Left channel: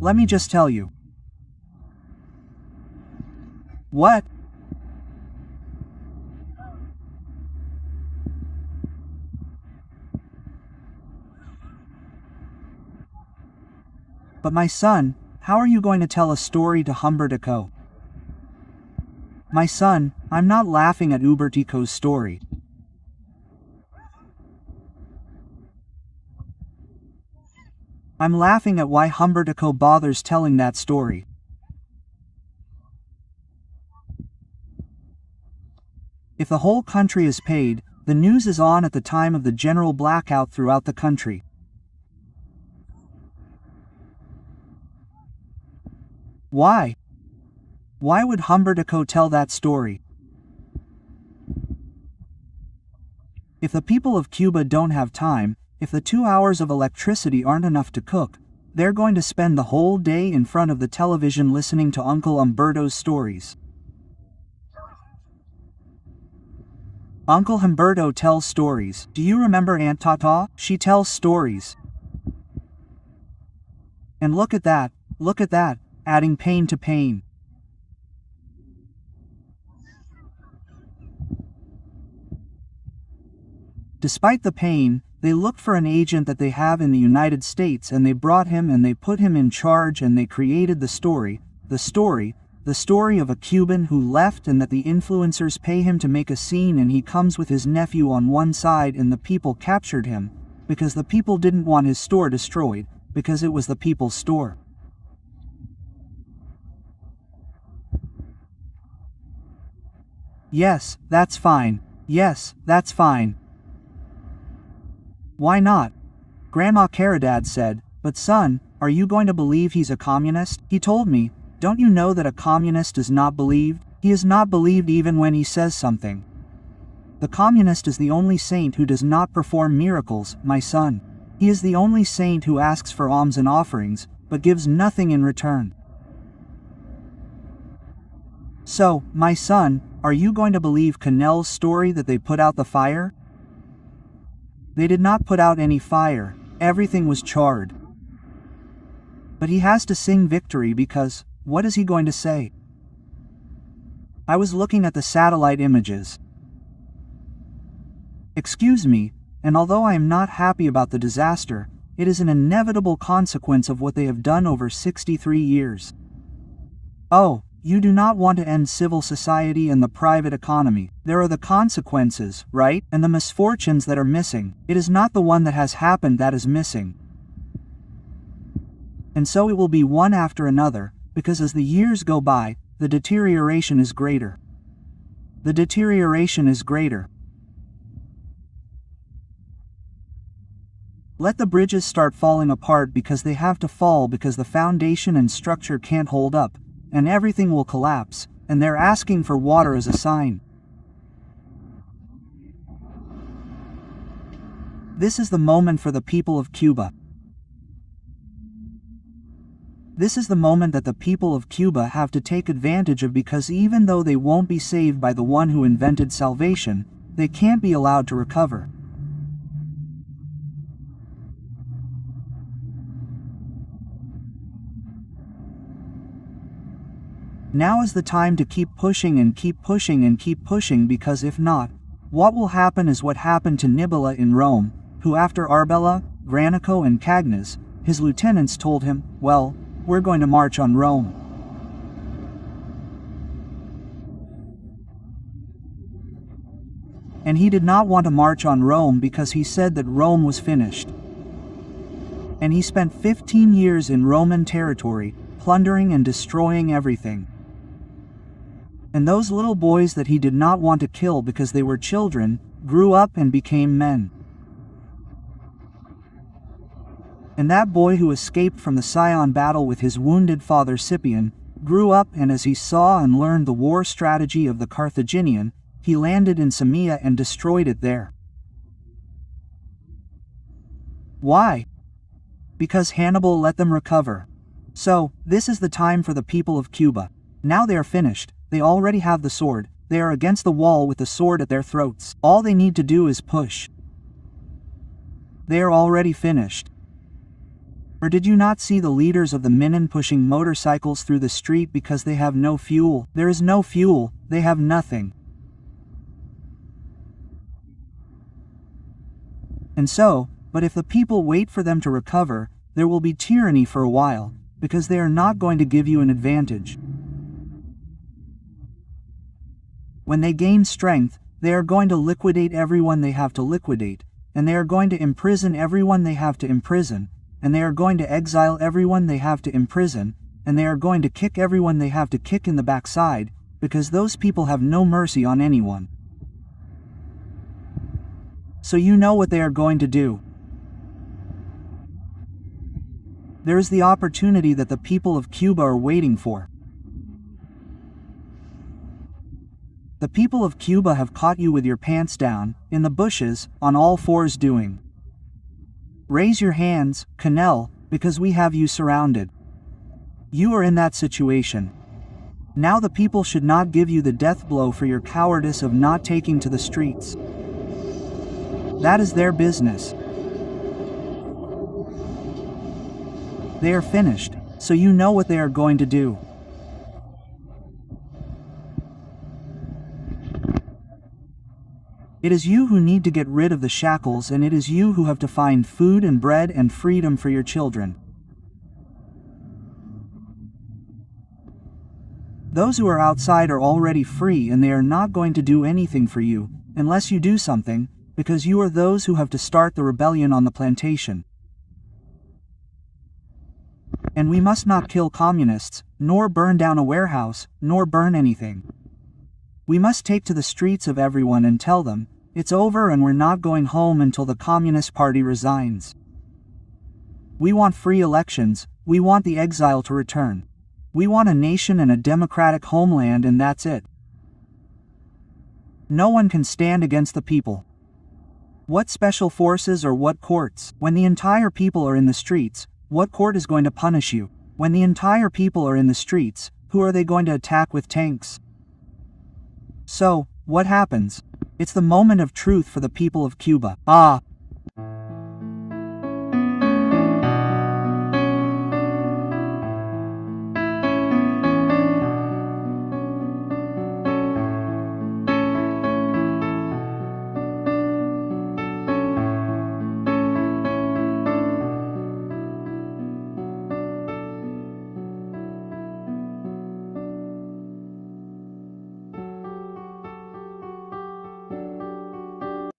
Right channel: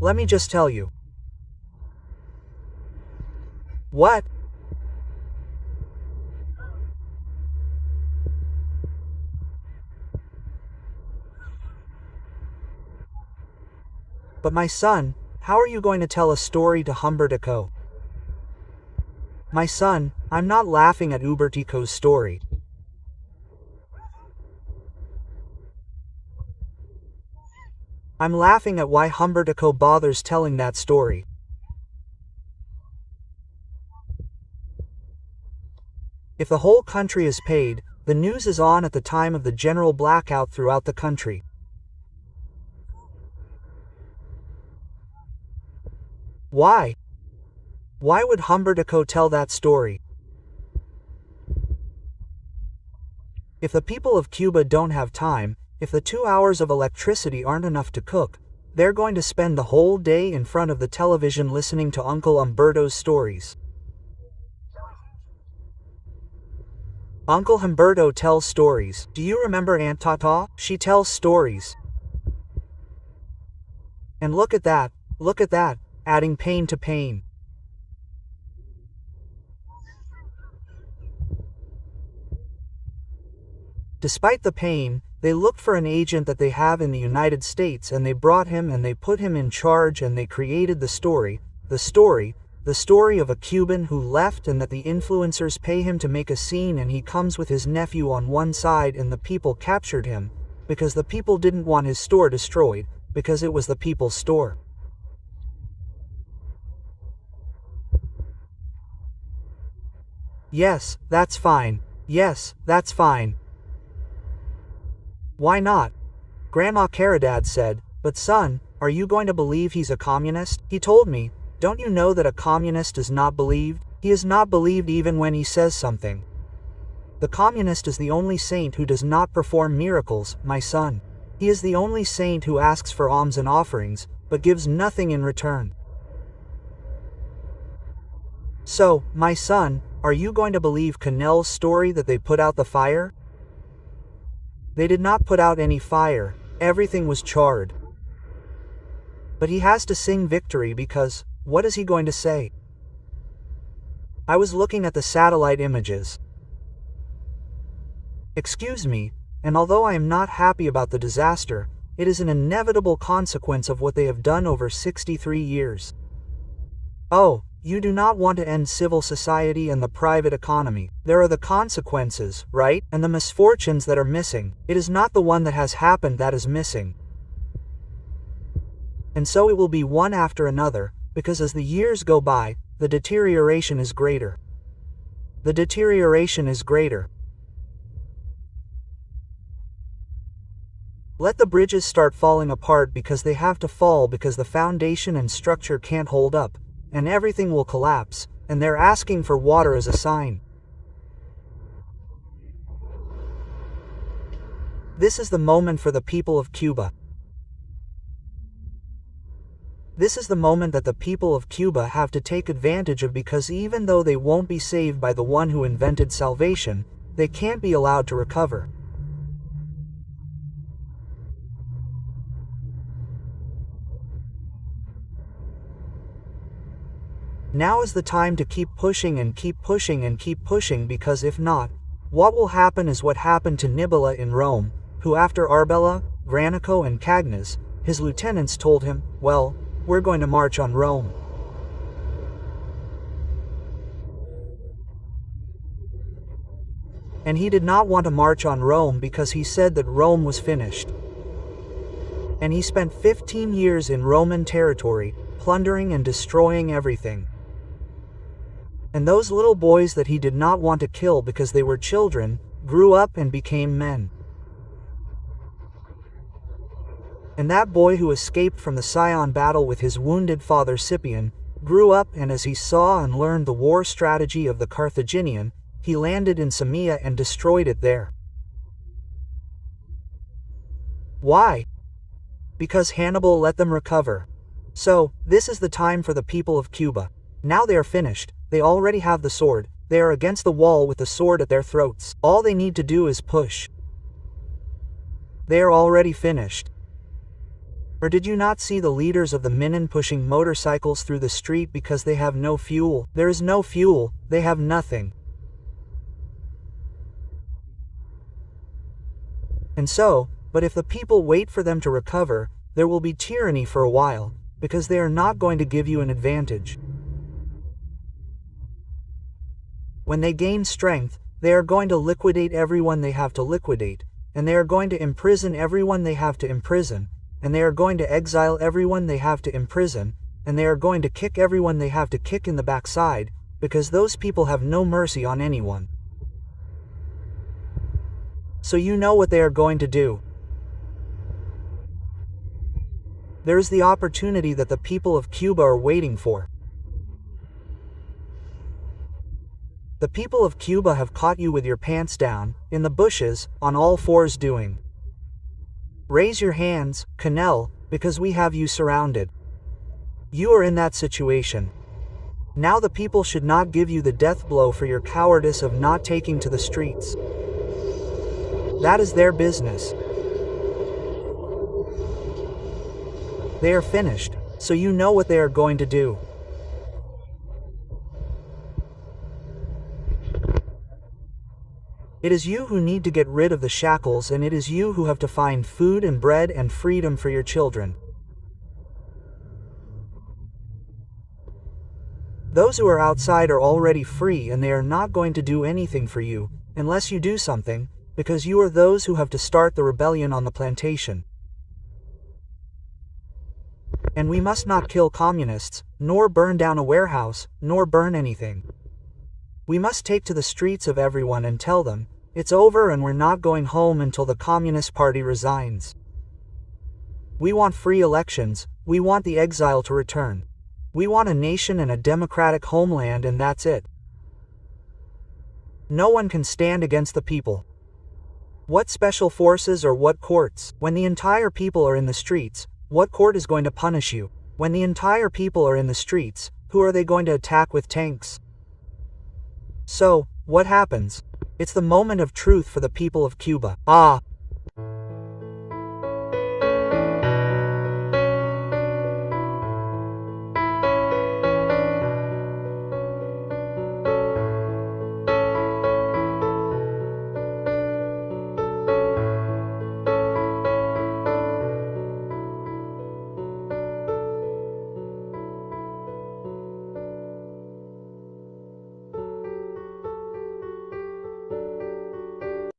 Let me just tell you. What? But my son, how are you going to tell a story to Humbertico? My son, I'm not laughing at Humbertico's story. I'm laughing at why Humbertico bothers telling that story. If the whole country is paid, the news is on at the time of the general blackout throughout the country. Why? Why would Humbertico tell that story? If the people of Cuba don't have time, if the 2 hours of electricity aren't enough to cook, they're going to spend the whole day in front of the television listening to Uncle Humberto's stories. Uncle Humberto tells stories. Do you remember Aunt Tata? She tells stories. And look at that, adding pain to pain. Despite the pain, they looked for an agent that they have in the United States, and they brought him and they put him in charge, and they created the story of a Cuban who left, and that the influencers pay him to make a scene, and he comes with his nephew on one side, and the people captured him, because the people didn't want his store destroyed, because it was the people's store. Yes, that's fine. Yes, that's fine. Why not? Grandma Caridad said, but son, are you going to believe he's a communist? He told me, don't you know that a communist is not believed? He is not believed even when he says something. The communist is the only saint who does not perform miracles, my son. He is the only saint who asks for alms and offerings, but gives nothing in return. So, my son, are you going to believe Canel's story that they put out the fire? They did not put out any fire, everything was charred. But he has to sing victory because, what is he going to say? I was looking at the satellite images. Excuse me, and although I am not happy about the disaster, it is an inevitable consequence of what they have done over 63 years. Oh, you do not want to end civil society and the private economy. There are the consequences, right? And the misfortunes that are missing. It is not the one that has happened that is missing. And so it will be one after another, because as the years go by, the deterioration is greater. The deterioration is greater. Let the bridges start falling apart because they have to fall, because the foundation and structure can't hold up, and everything will collapse, and they're asking for water as a sign. This is the moment for the people of Cuba. This is the moment that the people of Cuba have to take advantage of, because even though they won't be saved by the one who invented salvation, they can't be allowed to recover. Now is the time to keep pushing and keep pushing and keep pushing, because if not, what will happen is what happened to Nibola in Rome, who after Arbela, Granico and Cagnes, his lieutenants told him, well, we're going to march on Rome. And he did not want to march on Rome because he said that Rome was finished. And he spent 15 years in Roman territory, plundering and destroying everything. And those little boys that he did not want to kill because they were children, grew up and became men. And that boy who escaped from the Sion battle with his wounded father Scipion, grew up, and as he saw and learned the war strategy of the Carthaginian, he landed in Samia and destroyed it there. Why? Because Hannibal let them recover. So, this is the time for the people of Cuba. Now they are finished. They already have the sword. They are against the wall with the sword at their throats. All they need to do is push. They are already finished. Or did you not see the leaders of the Minin pushing motorcycles through the street because they have no fuel? There is no fuel, they have nothing. And so, but if the people wait for them to recover, there will be tyranny for a while, because they are not going to give you an advantage. When they gain strength, they are going to liquidate everyone they have to liquidate, and they are going to imprison everyone they have to imprison, and they are going to exile everyone they have to imprison, and they are going to kick everyone they have to kick in the backside, because those people have no mercy on anyone. So you know what they are going to do. There is the opportunity that the people of Cuba are waiting for. The people of Cuba have caught you with your pants down, in the bushes, on all fours doing. Raise your hands, Canel, because we have you surrounded. You are in that situation. Now the people should not give you the death blow for your cowardice of not taking to the streets. That is their business. They are finished, so you know what they are going to do. It is you who need to get rid of the shackles, and it is you who have to find food and bread and freedom for your children. Those who are outside are already free, and they are not going to do anything for you, unless you do something, because you are those who have to start the rebellion on the plantation. And we must not kill communists, nor burn down a warehouse, nor burn anything. We must take to the streets of everyone and tell them, it's over and we're not going home until the Communist Party resigns. We want free elections, we want the exile to return. We want a nation and a democratic homeland, and that's it. No one can stand against the people. What special forces or what courts? When the entire people are in the streets, what court is going to punish you? When the entire people are in the streets, who are they going to attack with tanks? So, what happens? It's the moment of truth for the people of Cuba. Ah,